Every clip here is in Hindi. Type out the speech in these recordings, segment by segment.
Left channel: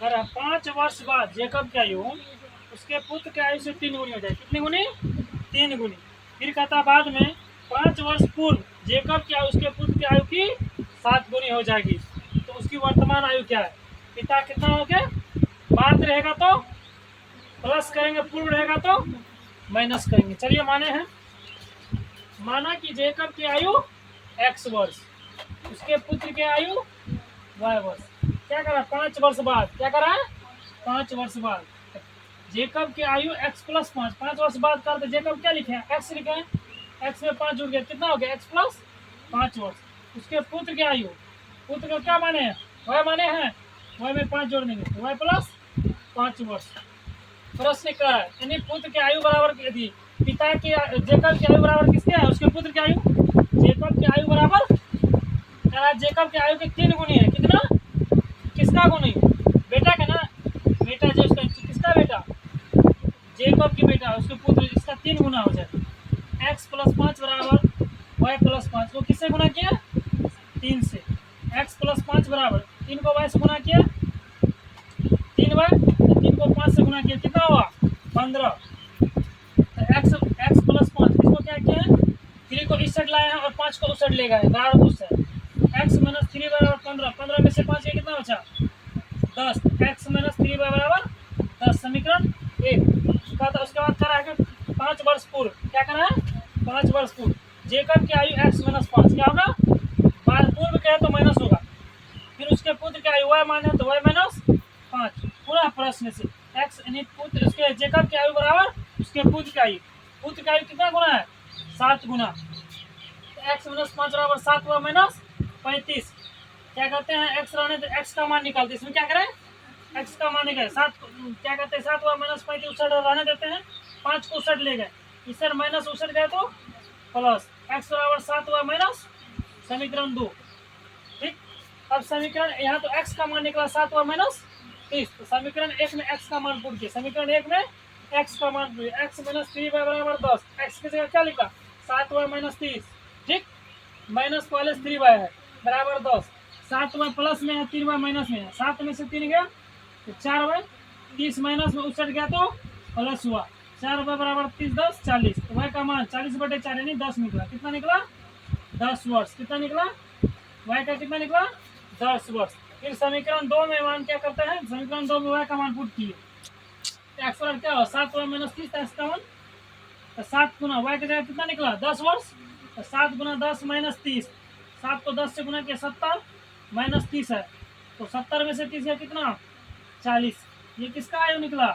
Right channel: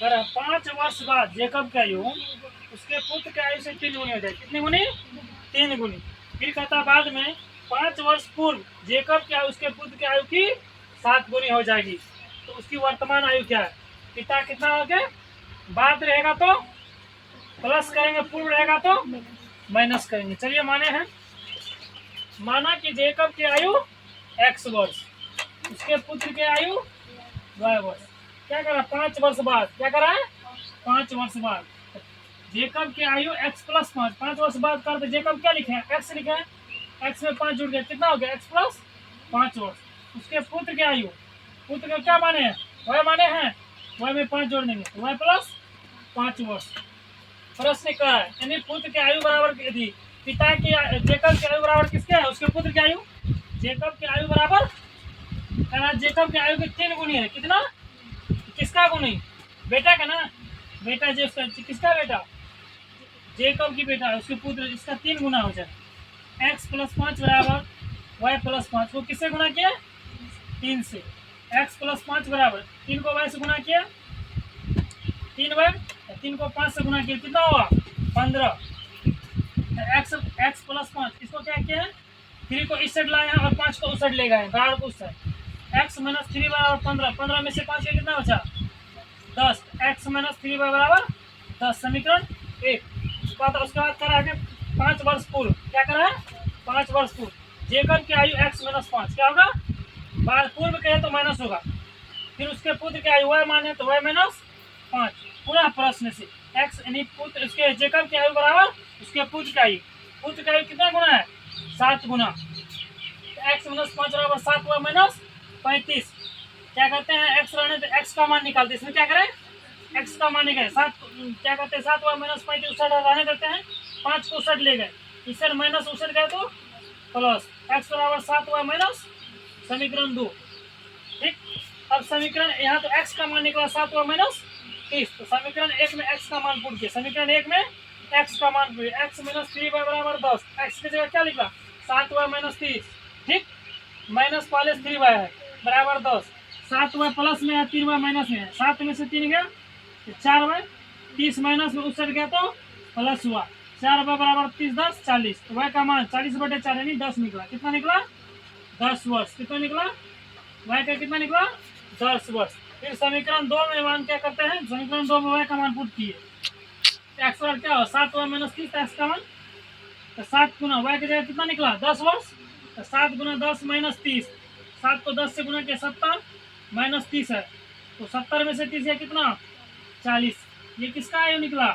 कर 5 वर्ष बाद जेकब की आयु उसके पुत्र की आयु से 3 गुनी हो जाए। कितनी गुनी? 3 गुनी। फिर कहता बाद में 5 वर्ष पूर्व जेकब की आयु उसके पुत्र की आयु की 7 गुनी हो जाएगी। तो उसकी वर्तमान आयु क्या है? पिता कितना हो गया? बाद रहेगा तो प्लस करेंगे, पूर्व रहेगा तो माइनस करेंगे। चलिए माने हैं, माना कि जेकब की आयु x वर्ष, उसके पुत्र की आयु y वर्ष। क्या करा? 5 वर्ष बाद। क्या करा है? 5 वर्ष बाद जेकब की आयु x प्लस 5। 5 वर्ष बाद करते जेकब क्या लिखे हैं? x लिखे हैं। x में 5 जुड़ गया, कितना हो गया? x प्लस 5 वर्ष। उसके पुत्र की आयु, पुत्र का क्या माने हैं? y माने हैं। y में 5 जोड़ देंगे, y प्लस 5 वर्ष। प्रश्न क्या है? यानी पुत्र की आयु बराबर, यदि पिता की जेकब की आयु बराबर किसके है? उसके पुत्र की आयु। जेकब की आयु बराबर, जेकब की आयु के 3 गुनी है। कितना? किसका गुनी? बेटा का ना, बेटा जो किसका बेटा? जेकब की बेटा, उसके पुत्र, इसका 3 गुना हो जाए। x प्लस 5 बराबर y प्लस 5 को किससे गुना किया? 3 से। x प्लस 5 बराबर 3 को y से गुना किया, 3 को 5 से गुना किया, कितना हुआ? 15। x प्लस 5, इसको क्या किया है? 3 को इस साइड लाए हैं और 5 को उस साइड ले गए, बराबर उस साइड। x माइनस 3 बराबर 15। 15 में से 5 का कितना बचा? 10। x माइनस 3 बराबर 10। समीकरण 1। उसके बाद करा है 5 वर्ष पूर्व। क्या करा है? 5 वर्ष पूर्व जेकब की आयु x माइनस 5। क्या होगा? पूर्व कहे तो माइनस होगा। फिर उसके पुत्र की आयु y माने तो y माइनस 5। पूरा प्रश्न से x यानी पुत्र, उसके जेकब की आयु बराबर उसके पुत्र की आयु। पुत्र की आयु कितना गुना है? 7 गुना। x माइनस 5 बराबर 7 हुआ माइनस 35। क्या करते हैं? x रहने तो x का मान निकालते हैं। इसमें क्या करें? x का मान निकाले। 7 क्या करते हैं? 7 हुआ माइनस 35 उस साइड रहने देते हैं, 5 को उस साइड ले गए, इस साइड माइनस उस साइड गए तो प्लस। x बराबर 7 हुआ माइनस, समीकरण 2। ठीक। अब समीकरण यहाँ तो x का मान निकला 7 हुआ माइनस 30। तो समीकरण 1 में x का मान पुट किया। समीकरण 1 में x का मान पुट, x माइनस 3 बराबर 10। x की जगह क्या लिखा? 7 हुआ माइनस 30। ठीक। माइनस पहले 3 है बराबर 10। 7 हुआ प्लस में है, 3 हुआ माइनस में है। 7 में से 3 गया तो 4 हुआ, 30 माइनस में उस साइड गया तो प्लस हुआ। 4 हुआ बराबर 30, 10 40। तो y का मान 40/4 यानी 10 निकला। कितना निकला? 10 वर्ष। कितना निकला? y का कितना निकला? 10 वर्ष। फिर समीकरण 2 में मान क्या करते हैं? समीकरण 2 में y का मान पुट किए। x बराबर क्या हो? 7 हुआ माइनस 30 x का मान, तो 7 गुना y की जगह कितना निकला? 10 वर्ष। तो 7 गुना 10 माइनस 30। 7 को 10 से गुना किया, 70 माइनस 30 है, तो 70 में से 30 है कितना? 40। ये किसका आयु निकला?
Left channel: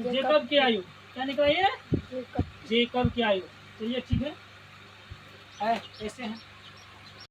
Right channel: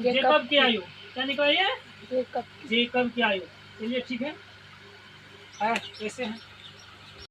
जेकब की आयु। क्या निकला? ये जेकब की आयु। तो ये ठीक है, ऐसे है।